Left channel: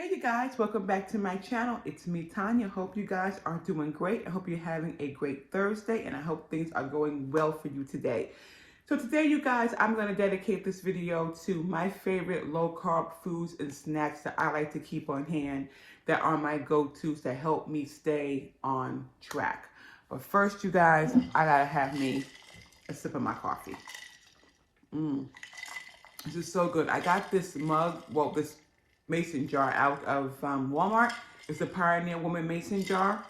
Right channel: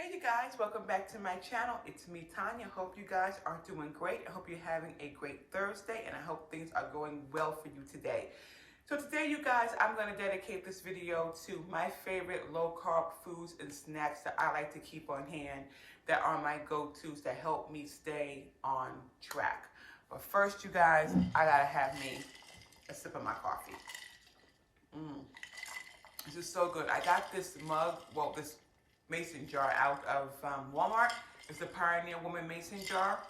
Hey you guys, welcome back to my channel. It's me, Tanya. Hope you guys are doing great. I hope you're having a great Thursday and I hope things are going well for you today. So today you guys, I'm going to dedicate this video to my favorite low carb foods and snacks that I like to keep on hand that are my go-tos that help me stay on track. But first you guys, I gotta have me a sip of my coffee. This is so good. I got this mug, this mason jar out of Walmart. It's a Pioneer Woman mason jar.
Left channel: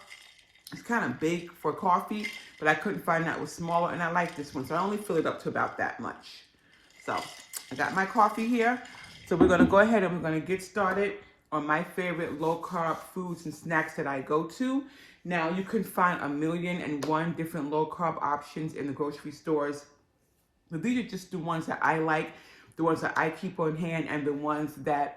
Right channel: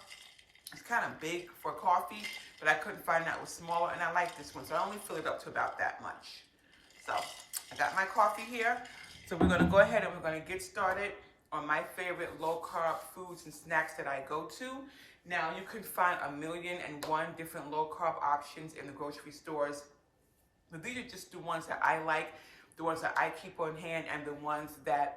It's kind of big for coffee, but I couldn't find that was smaller, and I like this one, so I only fill it up to about that much. So I got my coffee here. So we're gonna go ahead and we're gonna get started on my favorite low-carb foods and snacks that I go to. Now you can find 1,000,001 different low-carb options in the grocery stores. But these are just the ones that I like, the ones that I keep on hand, and the ones that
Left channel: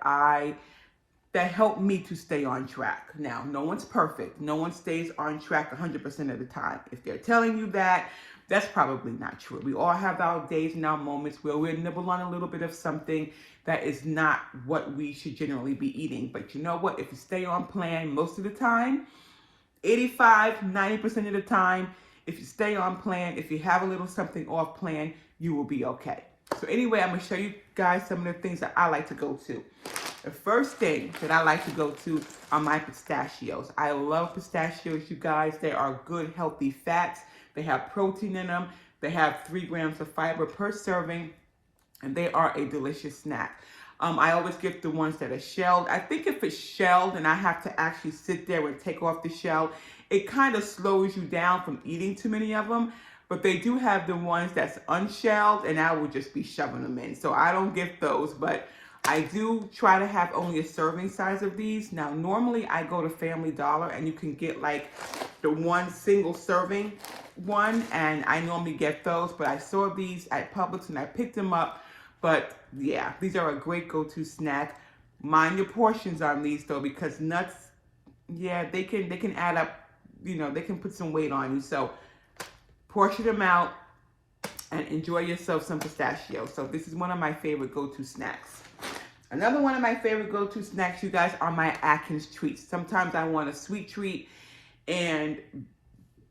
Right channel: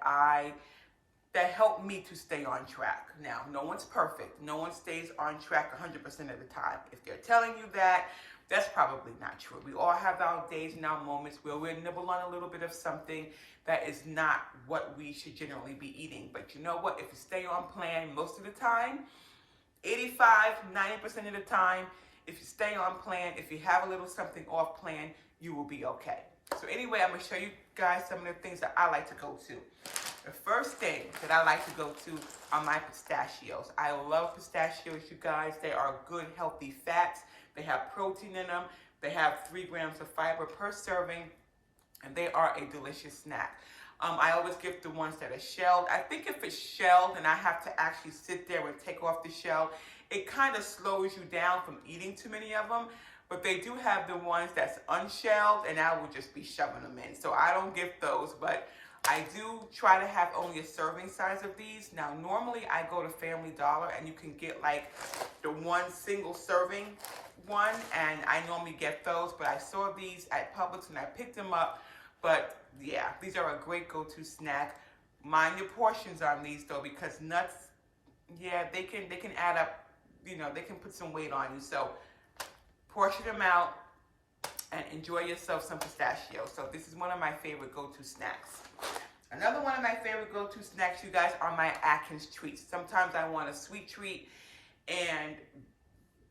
help me to stay on track. Now, no one's perfect. No one stays on track 100% of the time. If they're telling you that, that's probably not true. We all have our days and our moments where we'll nibble on a little bit of something that is not what we should generally be eating. But you know what? If you stay on plan most of the time, 85, 90% of the time, if you stay on plan, if you have a little something off plan, you will be okay. So anyway, I'm going to show you guys some of the things that I like to go to. The first thing that I like to go to are my pistachios. I love pistachios, you guys. They are good, healthy fats. They have protein in them. They have 3 grams of fiber per serving, and they are a delicious snack. I always get the ones that are shelled. I think if it's shelled and I have to actually sit there and take off the shell, it kind of slows you down from eating too many of them. But they do have the ones that's unshelled, and I will just be shoving them in. So I don't get those, but I do try to have only a serving size of these. Now, normally I go to Family Dollar, and you can get like the one single serving one, and I normally get those. But I saw these at Publix, and I picked them up. But yeah, these are a great go-to snack. Mind your portions on these though, because nuts, yeah, they can add up. You know, they can put some weight on you. So portion them out and enjoy yourself some pistachios. So this is one of my favorite go-to snacks. Another one of my favorite go-to snacks, you guys, are my Atkins treats. Sometimes I want a sweet treat, and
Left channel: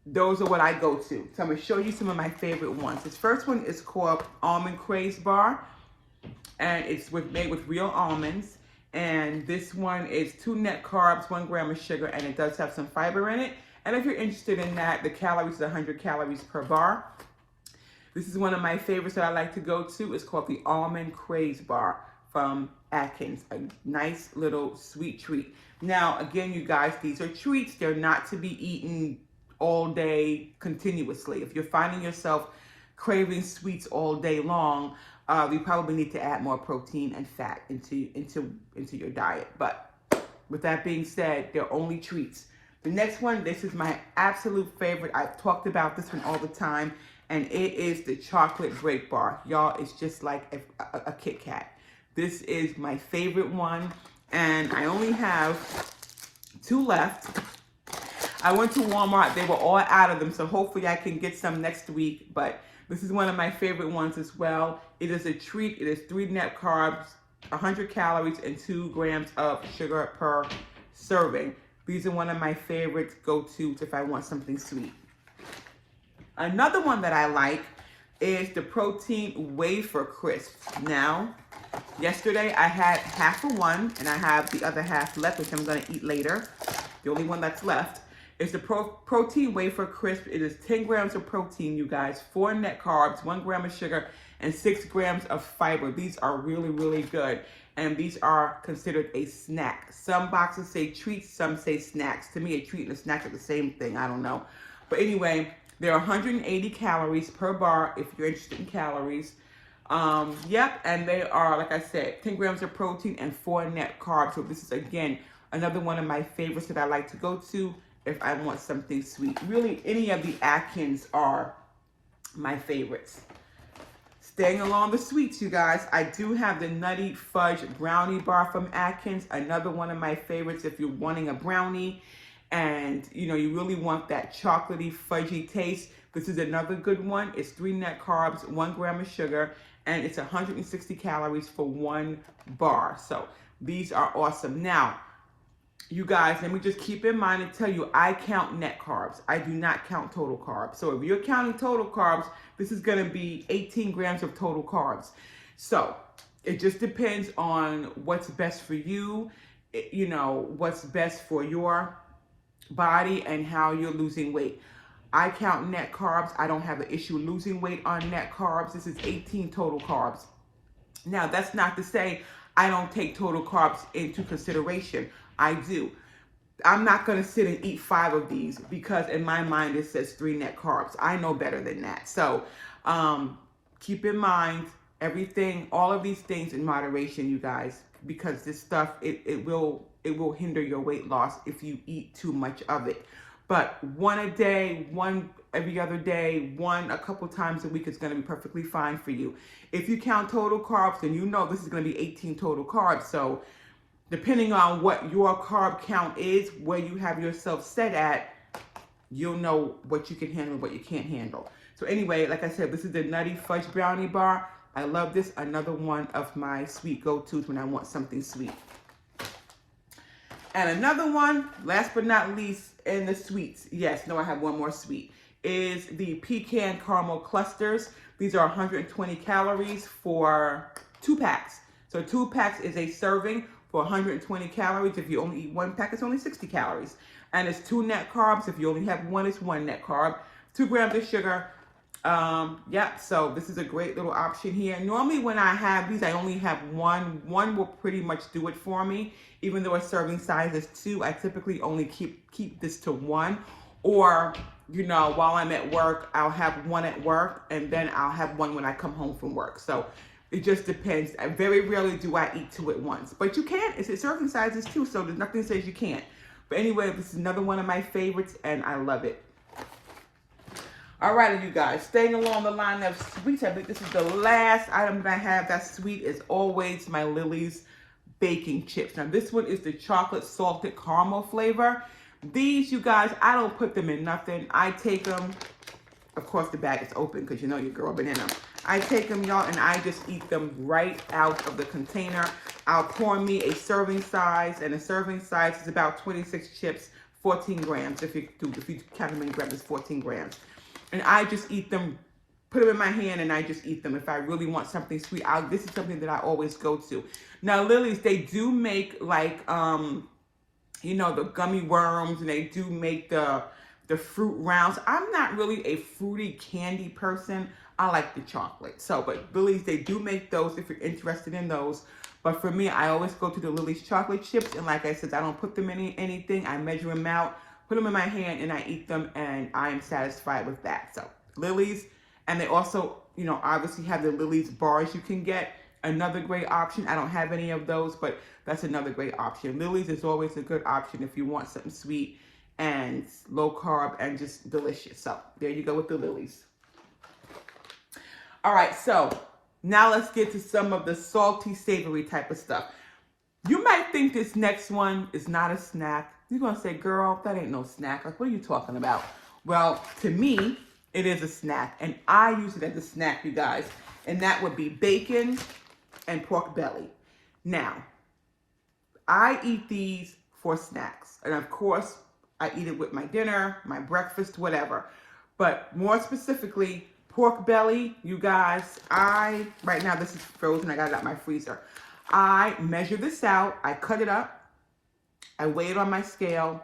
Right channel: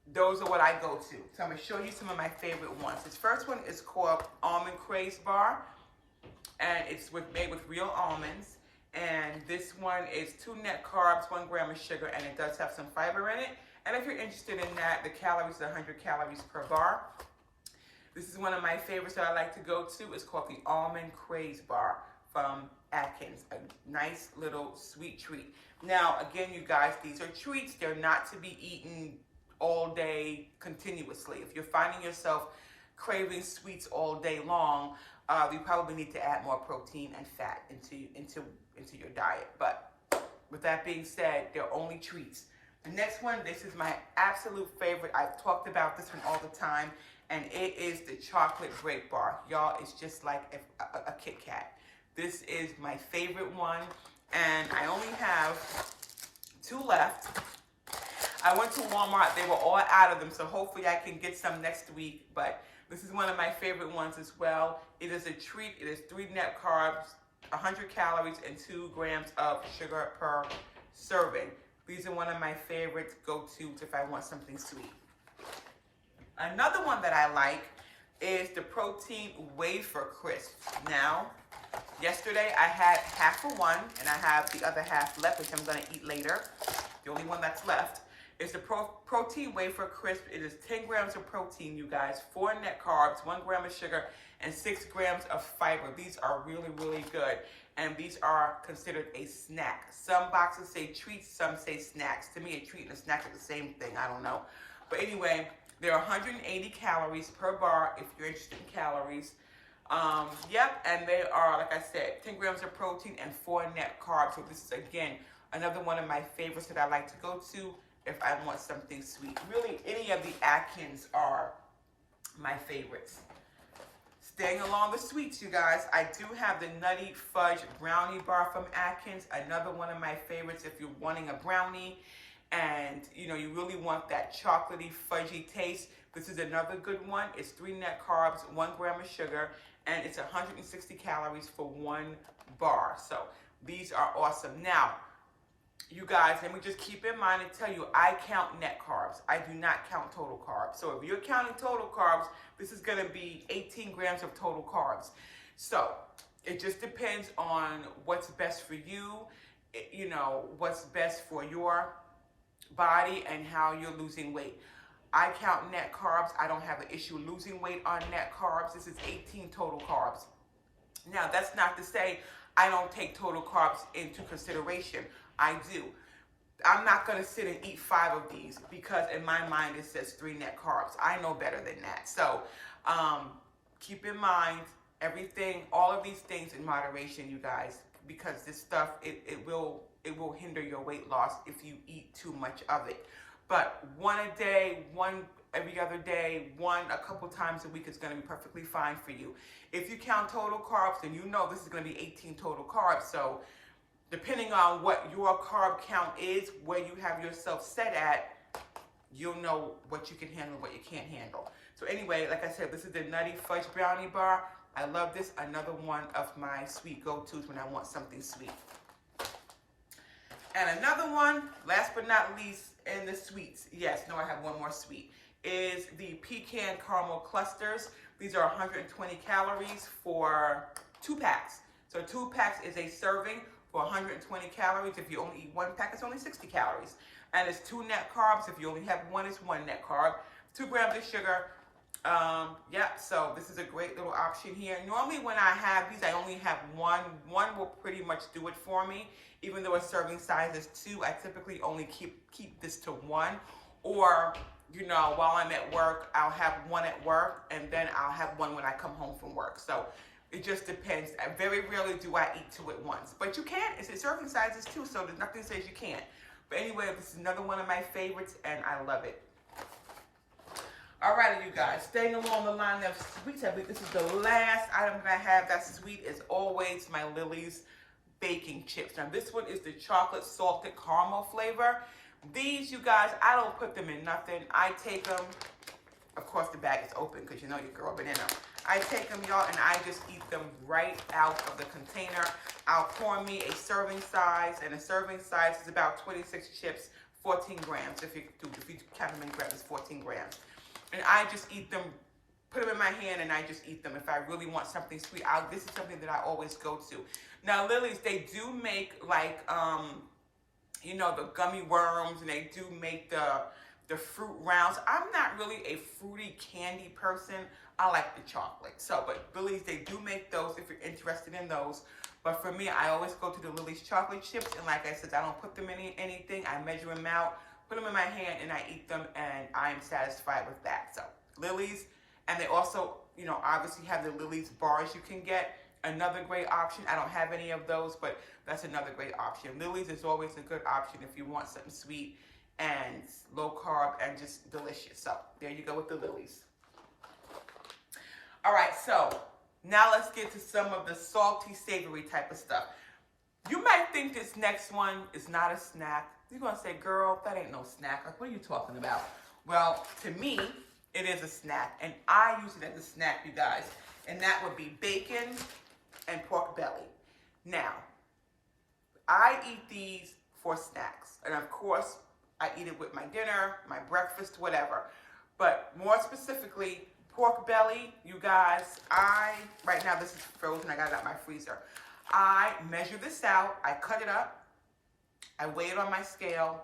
those are what I go to. So I'm going to show you some of my favorite ones. This first one is called Almond Craze Bar, and it's made with real almonds. And this one is 2 net carbs, 1 gram of sugar, and it does have some fiber in it. And if you're interested in that, the calories is 100 calories per bar. This is one of my favorites that I like to go to. It's called the Almond Craze Bar from Atkins. A nice little sweet treat. Now, again, you guys, these are treats. They're not to be eaten all day continuously. If you're finding yourself craving sweets all day long, you probably need to add more protein and fat into your diet. But with that being said, they're only treats. The next one, this is my absolute favorite. I've talked about this one all the time, and it is the chocolate break bar. Y'all, it's just like a Kit Kat. This is my favorite one, and I only have 2 left. I went to Walmart. They were all out of them, so hopefully I can get some next week, but this is one of my favorite ones as well. It is a treat. It is 3 net carbs, 100 calories, and 2 grams of sugar per serving. These are one of my favorite go-tos if I want something sweet. Another one that I like is the protein wafer crisps. Now, yesterday I had half of one, and I have the other half left, which I'm going to eat later. The only one that's left is the protein wafer crisp. It is 10 grams of protein, you guys, 4 net carbs, 1 gram of sugar, and 6 grams of fiber. These are really, really good. And these are considered a snack. Some boxes say treats, some say snacks. To me, a treat and a snack are the same thing. I don't know. But anyway, there are 180 calories per bar if you're interested in calories. Yep, and they are, like I said, 10 grams of protein and 4 net carbs. So this is, again, another one of my favorites that I like to go to if I want something sweet. Really, any of the Atkins are my favorites. Staying along the sweets, you guys, I do have the Nutty Fudge Brownie Bar from Atkins. Another one of my favorites if you're wanting a brownie and, you know, you really want that chocolatey, fudgy taste. This is another good one. It's 3 net carbs, 1 gram of sugar, and it's 160 calories for 1 bar. So these are awesome. Now, you guys, let me just keep in mind and tell you, I count net carbs. I do not count total carbs. So if you're counting total carbs, this is going to be 18 grams of total carbs. So it just depends on what's best for you, you know, what's best for your body and how you're losing weight. I count net carbs. I don't have an issue losing weight on net carbs. This is 18 total carbs. Now, that's not to say I don't take total carbs into consideration. I do. I'm not going to sit and eat 5 of these because in my mind it says 3 net carbs. I know better than that. So keep in mind everything, all of these things in moderation, you guys, because this stuff, it will hinder your weight loss if you eat too much of it. But 1 a day, 1 every other day, 1 a couple times a week is going to be perfectly fine for you. If you count total carbs, then you know this is going to be 18 total carbs. So depending on what your carb count is, where you have yourself set at, you'll know what you can handle and what you can't handle. So anyway, like I said, this is the Nutty Fudge Brownie Bar. I love this. Another one of my sweet go-tos when I want something sweet. And another one, last but not least, in the sweets, yes, no, I have one more sweet, is the Pecan Caramel Clusters. These are 120 calories for 2 packs. So 2 packs is a serving for 120 calories. If you only eat 1 pack, it's only 60 calories. And it's 2 net carbs. If you only have 1, it's 1 net carb. 2 grams of sugar. Yeah, so this is a great little option here. Normally when I have these, I only have 1. 1 will pretty much do it for me. Even though a serving size is 2, I typically only keep this to 1. Or, you know, while I'm at work, I'll have 1 at work, and then I'll have 1 when I come home from work. So it just depends. Very rarely do I eat 2 at once. But you can. It's a serving size is 2, so there's nothing that says you can't. But anyway, this is another one of my favorites, and I love it. Alrighty, you guys, staying along the line of sweets, I think this is the last item that I have that's sweet, is always my Lily's baking chips. Now, this one is the chocolate salted caramel flavor. These, you guys, I don't put them in nothing. I take them, of course, the bag is open because you know your girl been in them. I take them, y'all, and I just eat them right out of the container. I'll pour me a serving size, and a serving size is about 26 chips, 14 grams. If you count them in grams, it's 14 grams. And I just eat them, put them in my hand, and I just eat them. If I really want something sweet, this is something that I always go to. Now, Lily's, they do make like, you know, the gummy worms, and they do make the fruit rounds. I'm not really a fruity candy person. I like the chocolate. So, but Lily's, they do make those if you're interested in those. But for me, I always go to the Lily's chocolate chips. And like I said, I don't put them in anything. I measure them out, put them in my hand, and I eat them, and I am satisfied with that. So Lily's, and they also, you know, obviously have the Lily's bars you can get. Another great option. I don't have any of those, but that's another great option. Lily's is always a good option if you want something sweet and low carb and just delicious. So there you go with the Lily's. All right, so now let's get to some of the salty, savory type of stuff. You might think this next one is not a snack. You're going to say, girl, that ain't no snack. Like, what are you talking about? Well, to me, it is a snack, and I use it as a snack, you guys, and that would be bacon and pork belly. Now, I eat these for snacks, and of course, I eat it with my dinner, my breakfast, whatever. But more specifically, pork belly, you guys, right now this is frozen, I got it out of my freezer. I measure this out, I cut it up, I weigh it on my scale,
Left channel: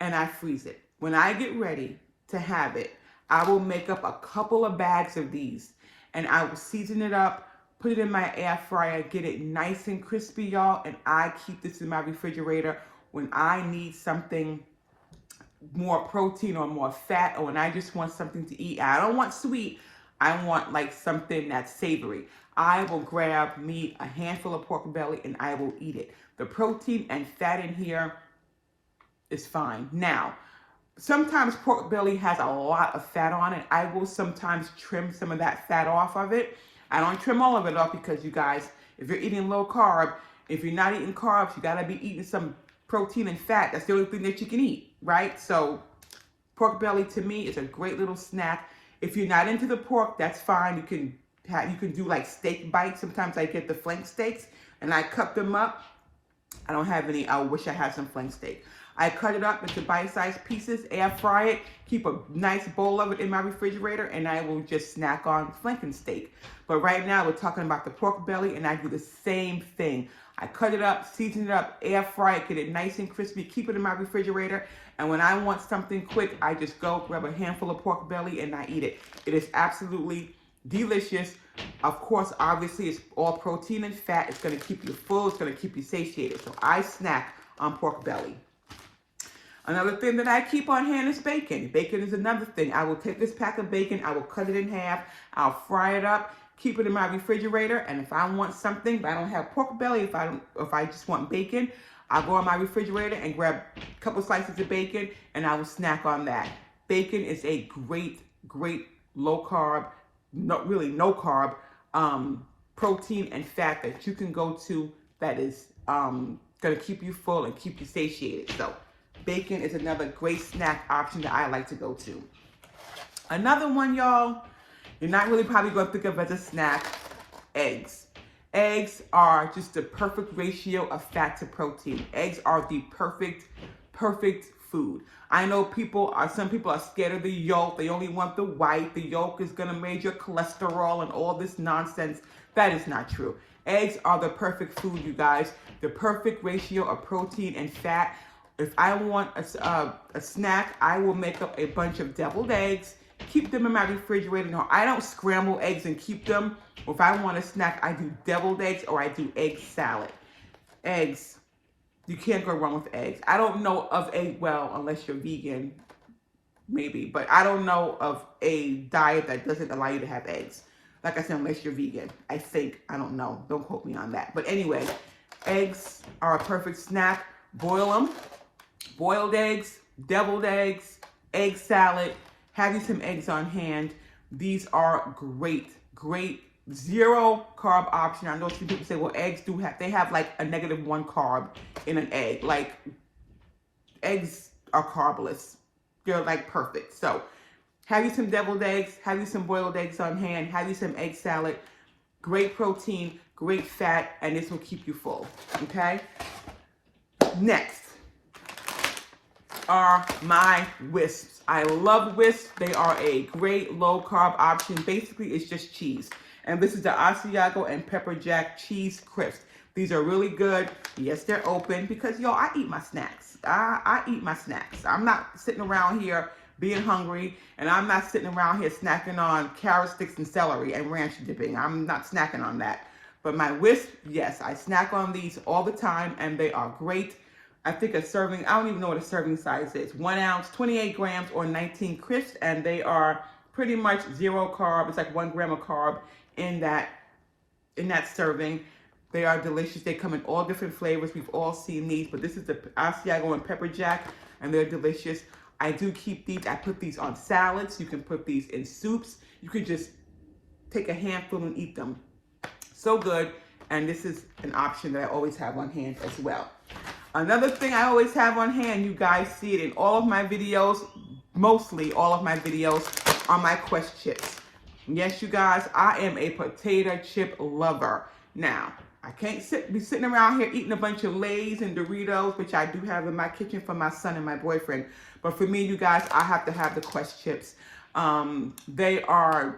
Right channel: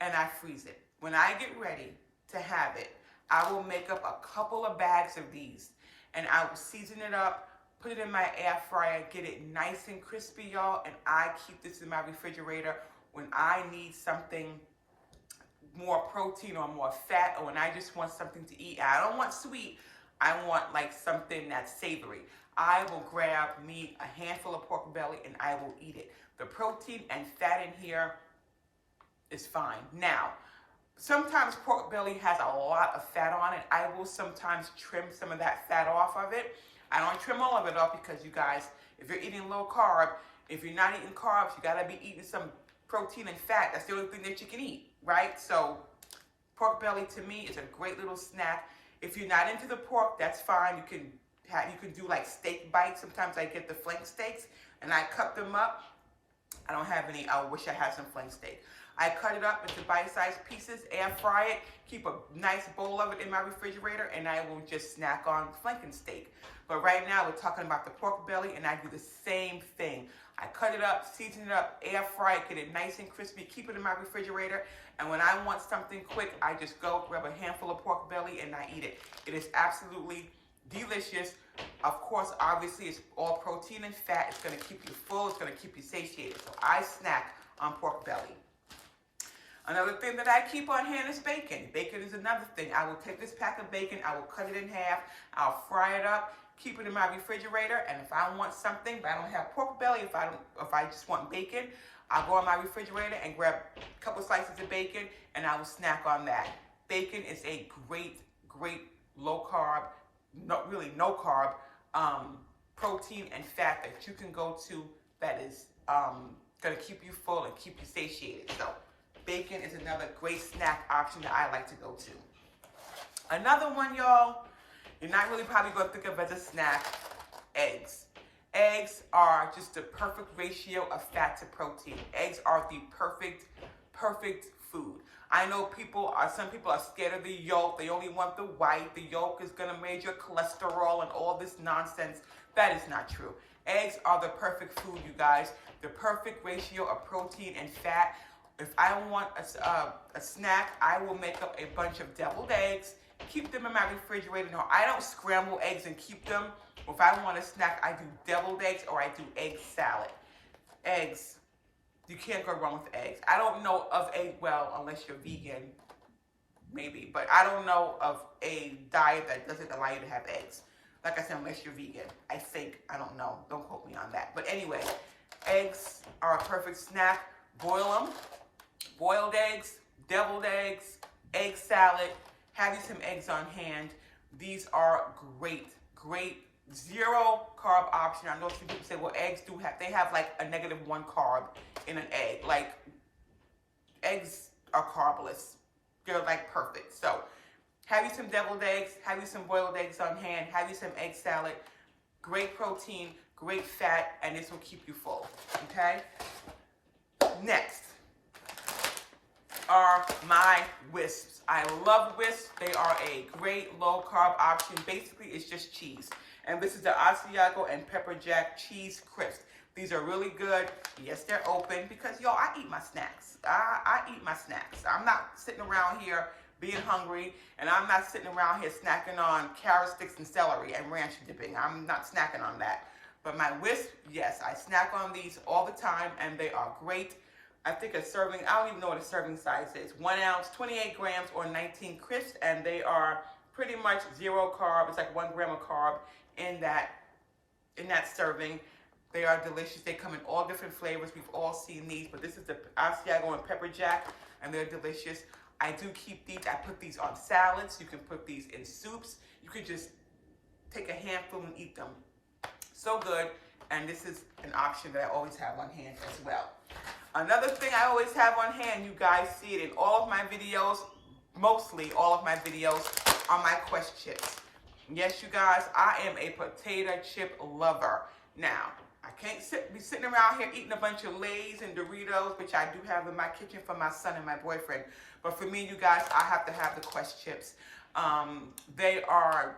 and I freeze it. When I get ready to have it, I will make up a couple of bags of these, and I will season it up, put it in my air fryer, get it nice and crispy, y'all, and I keep this in my refrigerator when I need something more protein or more fat, or when I just want something to eat. I don't want sweet, I want like something that's savory. I will grab me a handful of pork belly and I will eat it. The protein and fat in here is fine. Now, sometimes pork belly has a lot of fat on it. I will sometimes trim some of that fat off of it. I don't trim all of it off because, you guys, if you're eating low carb, if you're not eating carbs, you gotta be eating some protein and fat. That's the only thing that you can eat, right? So pork belly to me is a great little snack. If you're not into the pork, that's fine. You can do like steak bites. Sometimes I get the flank steaks and I cut them up I don't have any. I wish I had some flank steak. I cut it up into bite-sized pieces, air fry it, keep a nice bowl of it in my refrigerator, and I will just snack on flanking steak. But right now we're talking about the pork belly, and I do the same thing. I cut it up, season it up, air fry it, get it nice and crispy, keep it in my refrigerator, and when I want something quick, I just go grab a handful of pork belly and I eat it. It is absolutely delicious. Of course, obviously, it's all protein and fat. It's going to keep you full. It's going to keep you satiated. So I snack on pork belly. Another thing that I keep on hand is bacon. Bacon is another thing. I will take this pack of bacon, I will cut it in half, I'll fry it up, keep it in my refrigerator, and if I want something, but I don't have pork belly, if I just want bacon, I'll go in my refrigerator and grab a couple slices of bacon, and I will snack on that. Bacon is a great, great low carb, no carb, protein and fat that you can go to that is going to keep you full and keep you satiated. So bacon is another great snack option that I like to go to. Another one, y'all, you're not really probably going to think of as a snack, eggs. Eggs are just the perfect ratio of fat to protein. Eggs are the perfect food. I know some people are scared of the yolk. They only want the white. The yolk is going to raise your cholesterol and all this nonsense. That is not true. Eggs are the perfect food, you guys. The perfect ratio of protein and fat. If I want a snack, I will make up a bunch of deviled eggs, keep them in my refrigerator. No, I don't scramble eggs and keep them. If I want a snack, I do deviled eggs or I do egg salad. Eggs, you can't go wrong with eggs. I don't know of unless you're vegan, maybe, but I don't know of a diet that doesn't allow you to have eggs. Like I said, unless you're vegan, I think. I don't know. Don't quote me on that. But anyway, eggs are a perfect snack. Boil them. Boiled eggs, deviled eggs, egg salad. Have you some eggs on hand. These are great zero carb option. I know some people say, well, eggs they have like a -1 carb in an egg. Like, eggs are carbless. They're like perfect. So have you some deviled eggs, have you some boiled eggs on hand, have you some egg salad. Great protein, great fat, and this will keep you full, okay? Next are my wisps. I love wisps. They are a great low carb option. Basically, it's just cheese. And this is the Asiago and Pepper Jack cheese crisps. These are really good. Yes, they're open because, y'all, I eat my snacks. I eat my snacks. I'm not sitting around here being hungry, and I'm not sitting around here snacking on carrot sticks and celery and ranch dipping. I'm not snacking on that. But my wisp, yes, I snack on these all the time, and they are great. I think a serving, I don't even know what a serving size is. 1 ounce, 28 grams, or 19 crisps, and they are pretty much zero carb. It's like 1 gram of carb in that serving. They are delicious. They come in all different flavors. We've all seen these, but this is the Asiago and Pepper Jack, and they're delicious. I do keep these. I put these on salads. You can put these in soups. You could just take a handful and eat them. So good, and this is an option that I always have on hand as well. Another thing I always have on hand, you guys see it in all of my videos, mostly all of my videos, are my Quest chips. Yes, you guys, I am a potato chip lover. Now, I can't be sitting around here eating a bunch of Lay's and Doritos, which I do have in my kitchen for my son and my boyfriend. But for me, you guys, I have to have the Quest chips. They are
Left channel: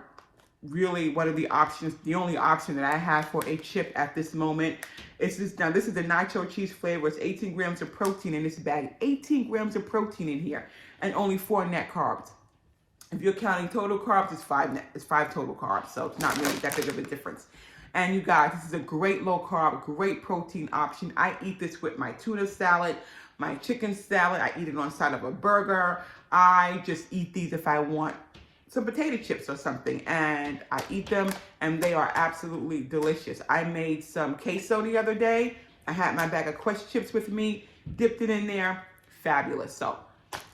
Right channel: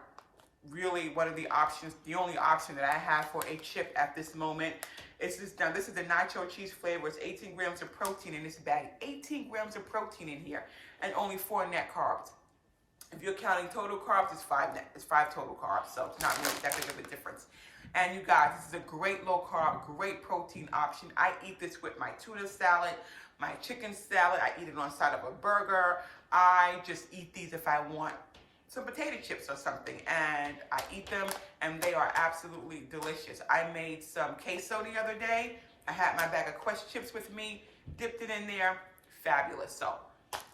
really one of the options, the only option that I have for a chip at this moment. It's this, now this is the nacho cheese flavor. It's 18 grams of protein in this bag. 18 grams of protein in here and only 4 net carbs. If you're counting total carbs, it's 5 total carbs. So it's not really that big of a difference. And you guys, this is a great low carb, great protein option. I eat this with my tuna salad, my chicken salad. I eat it on the side of a burger. I just eat these if I want some potato chips or something, and I eat them, and they are absolutely delicious. I made some queso the other day. I had my bag of Quest chips with me, dipped it in there. Fabulous. So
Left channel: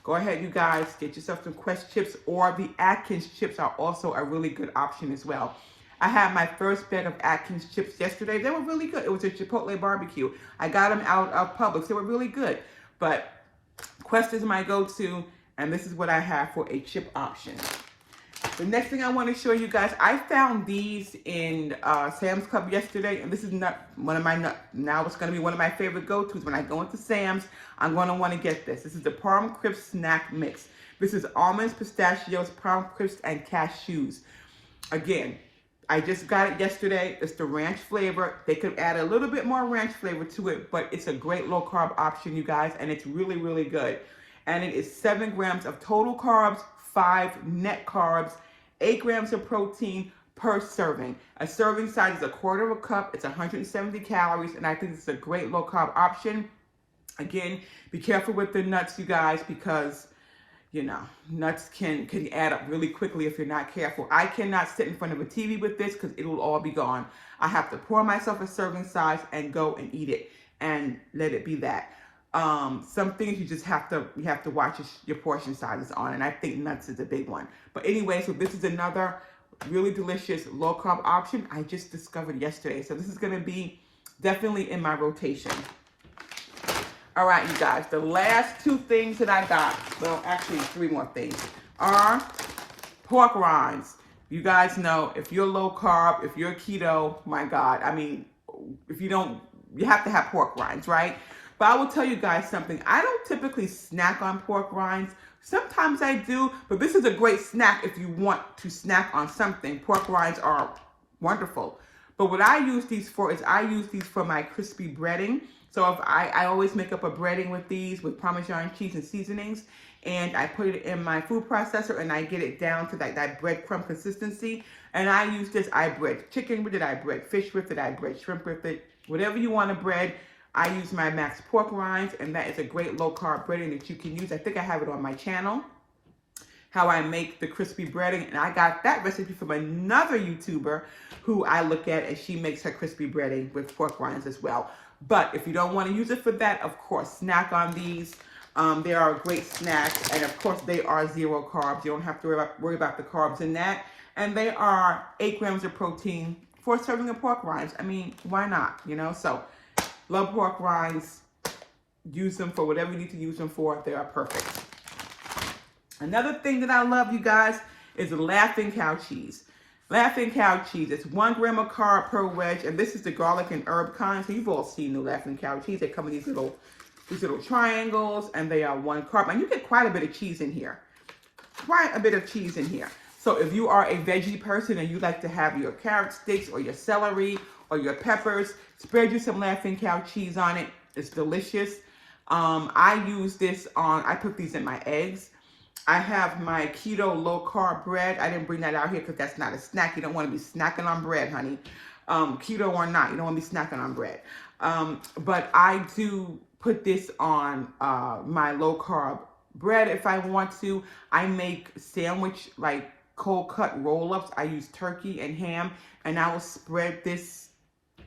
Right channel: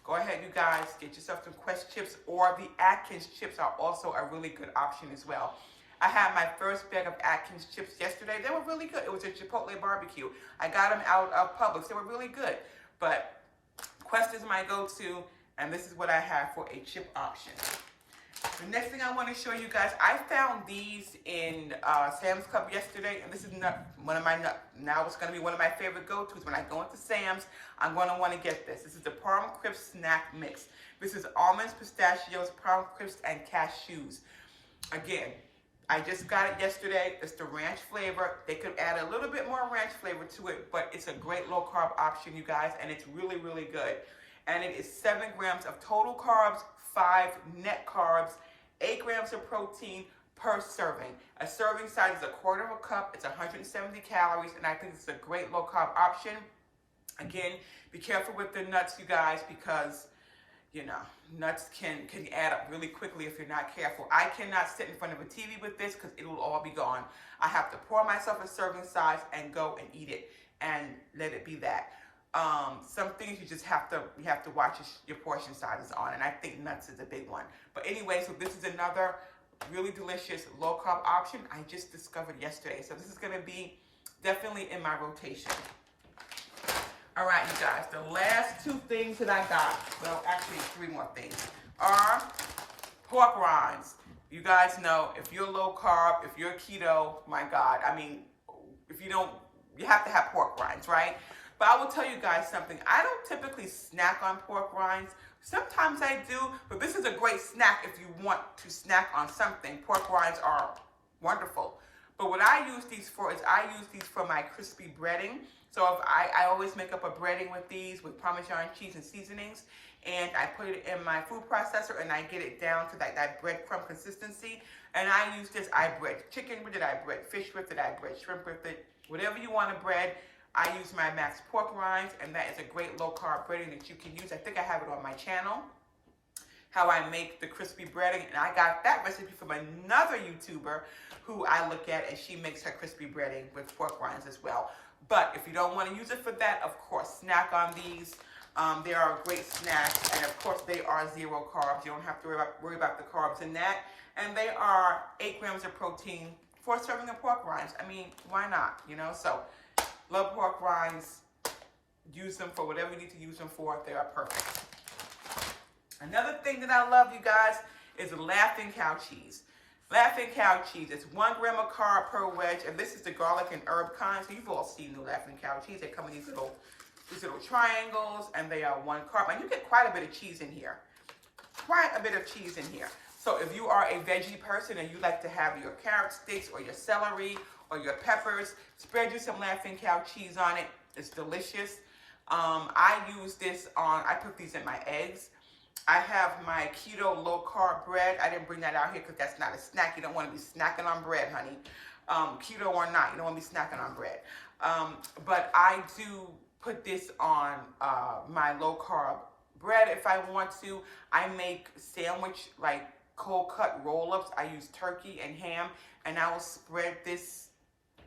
go ahead, you guys, get yourself some Quest chips, or the Atkins chips are also a really good option as well. I had my first bag of Atkins chips yesterday. They were really good. It was a Chipotle barbecue. I got them out of Publix. They were really good. But Quest is my go-to, and this is what I have for a chip option. The next thing I want to show you guys, I found these in Sam's Club yesterday, and this is not one of my, now it's going to be one of my favorite go-tos. When I go into Sam's, I'm going to want to get this. This is the Parm Crisp Snack Mix. This is almonds, pistachios, Parm Crisp, and cashews. Again, I just got it yesterday. It's the ranch flavor. They could add a little bit more ranch flavor to it, but it's a great low-carb option, you guys, and it's really, really good. And it is 7 grams of total carbs, 5 net carbs, 8 grams of protein per serving. A serving size is 1/4 cup. It's 170 calories, and I think it's a great low-carb option. Again, be careful with the nuts, you guys, because, you know, nuts can add up really quickly if you're not careful. I cannot sit in front of a TV with this because it will all be gone. I have to pour myself a serving size and go and eat it and let it be that. Some things you just have to watch your portion sizes on, and I think nuts is a big one. But anyway, so this is another really delicious low carb option I just discovered yesterday. So this is going to be definitely in my rotation. All right, you guys, the last 2 things that I got, well, actually 3 more things, are pork rinds. You guys know, if you're low carb, if you're keto, my God, I mean, if you don't, you have to have pork rinds, right? But I will tell you guys something. I don't typically snack on pork rinds. Sometimes I do, but this is a great snack if you want to snack on something. Pork rinds are wonderful. But what I use these for is I use these for my crispy breading. So if I always make up a breading with these with Parmesan cheese and seasonings, and I put it in my food processor and I get it down to that breadcrumb consistency. And I use this, I bread chicken with it, I bread fish with it, I bread shrimp with it, whatever you want to bread. I use my Max pork rinds, and that is a great low-carb breading that you can use. I think I have it on my channel, how I make the crispy breading, and I got that recipe from another YouTuber who I look at, and she makes her crispy breading with pork rinds as well. But if you don't want to use it for that, of course, snack on these. They are a great snack, and of course, they are 0 carbs. You don't have to worry about the carbs in that. And they are 8 grams of protein for a serving of pork rinds. I mean, why not, you know? So, love pork rinds. Use them for whatever you need to use them for. They are perfect. Another thing that I love, you guys, is Laughing Cow cheese. Laughing Cow cheese. It's 1 gram of carb per wedge, and this is the garlic and herb kind. So you've all seen the Laughing Cow cheese. They come in these little triangles, and they are 1 carb. And you get quite a bit of cheese in here. Quite a bit of cheese in here. So if you are a veggie person and you like to have your carrot sticks or your celery or your peppers, spread you some Laughing Cow cheese on it. It's delicious. I use this on, I put these in my eggs. I have my keto low carb bread. I didn't bring that out here because that's not a snack. You don't want to be snacking on bread, honey. Keto or not, you don't want to be snacking on bread. But I do put this on my low carb bread if I want to. I make sandwich, like cold cut roll-ups. I use turkey and ham, and I will spread this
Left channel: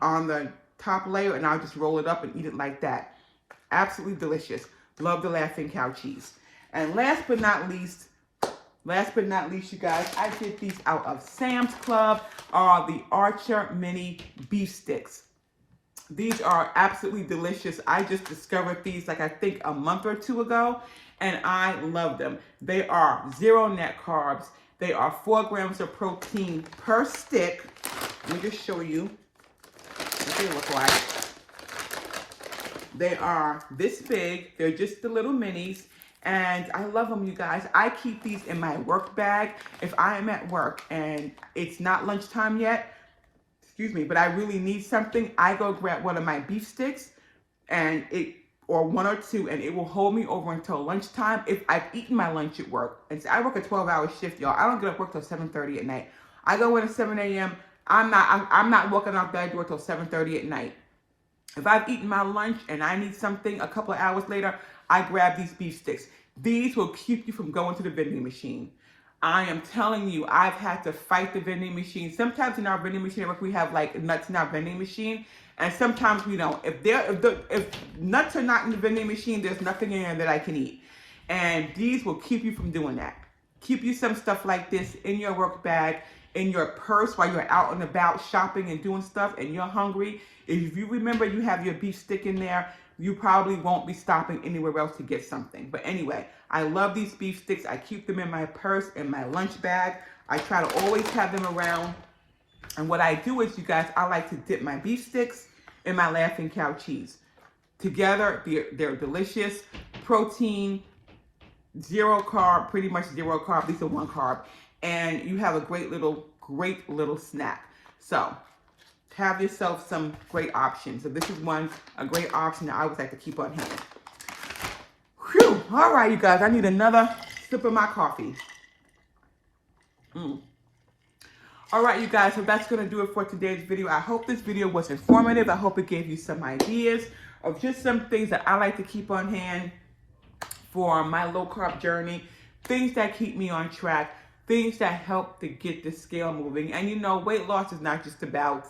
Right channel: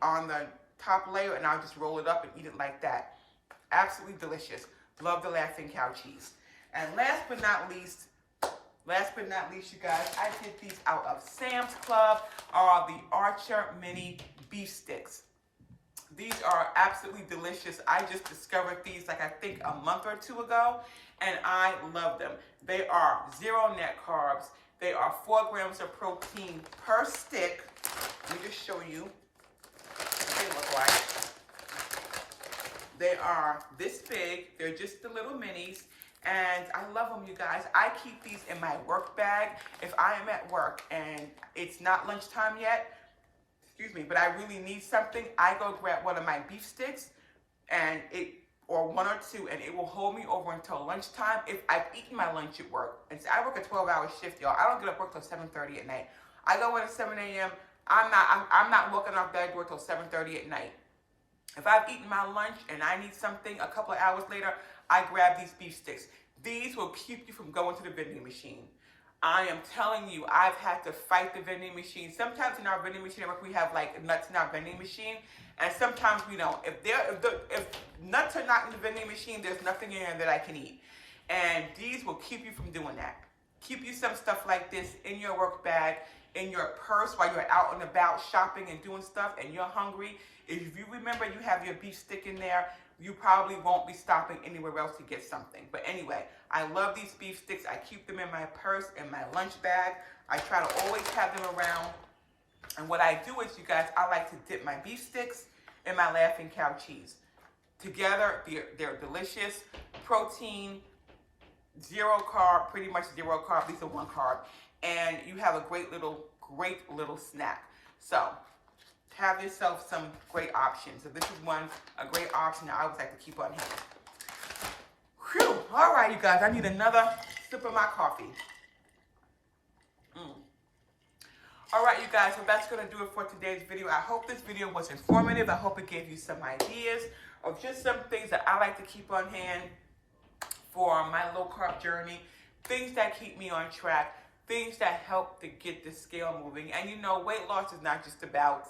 on the top layer, and I'll just roll it up and eat it like that. Absolutely delicious. Love the Laughing Cow cheese. And last but not least, you guys, I did these out of Sam's Club, are the Archer Mini Beef Sticks. These are absolutely delicious. I just discovered these, like, I think a month or 2 ago, and I love them. They are 0 net carbs. They are 4 grams of protein per stick. Let me just show you what they look like. They are this big. They're just the little minis. And I love them, you guys. I keep these in my work bag. If I am at work and it's not lunchtime yet, excuse me, but I really need something, I go grab one of my beef sticks or 1 or 2, and it will hold me over until lunchtime if I've eaten my lunch at work. And so I work a 12-hour shift, y'all. I don't get off work till 7:30 at night. I go in at 7 a.m. I'm not walking out that door till 7:30 at night. If I've eaten my lunch and I need something a couple of hours later, I grab these beef sticks. These will keep you from going to the vending machine. I am telling you, I've had to fight the vending machine. Sometimes in our vending machine at work, we have like nuts in our vending machine, and sometimes we don't. If nuts are not in the vending machine, there's nothing in there that I can eat. And these will keep you from doing that. Keep you some stuff like this in your work bag, in your purse while you're out and about shopping and doing stuff and you're hungry. If you remember you have your beef stick in there, you probably won't be stopping anywhere else to get something. But anyway, I love these beef sticks. I keep them in my purse, in my lunch bag. I try to always have them around. And what I do is, you guys, I like to dip my beef sticks in my Laughing Cow cheese. Together, they're delicious. Protein, zero carb, pretty much zero carb, at least a 1 carb. And you have a great little snack. So, have yourself some great options. So this is a great option that I always like to keep on hand. Whew. All right, you guys, I need another sip of my coffee. All right, you guys, so that's going to do it for today's video. I hope this video was informative. I hope it gave you some ideas of just some things that I like to keep on hand for my low-carb journey, things that keep me on track, things that help to get the scale moving. And you know, weight loss is not just about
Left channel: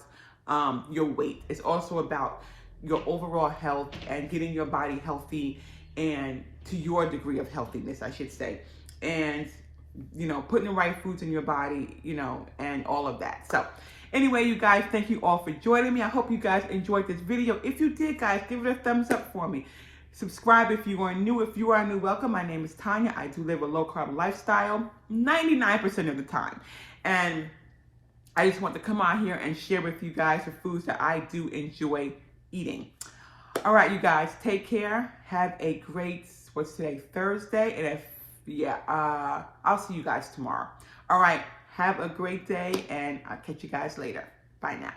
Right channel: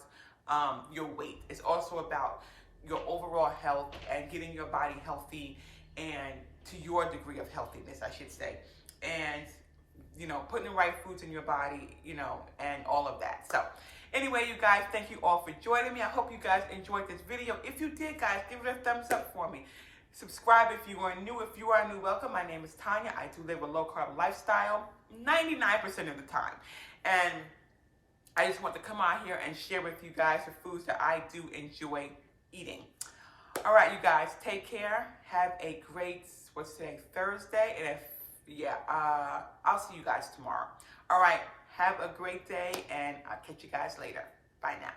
your weight. It's also about your overall health and getting your body healthy, and to your degree of healthiness, I should say. And you know, putting the right foods in your body, you know, and all of that. So anyway, you guys, thank you all for joining me. I hope you guys enjoyed this video. If you did, guys, give it a thumbs up for me. Subscribe if you are new. If you are new, welcome. My name is Tanya. I do live a low-carb lifestyle 99% of the time. And I just want to come out here and share with you guys the foods that I do enjoy eating. All right, you guys, take care. Have a great, what's today, Thursday? And I'll see you guys tomorrow. All right, have a great day, and I'll catch you guys later. Bye now.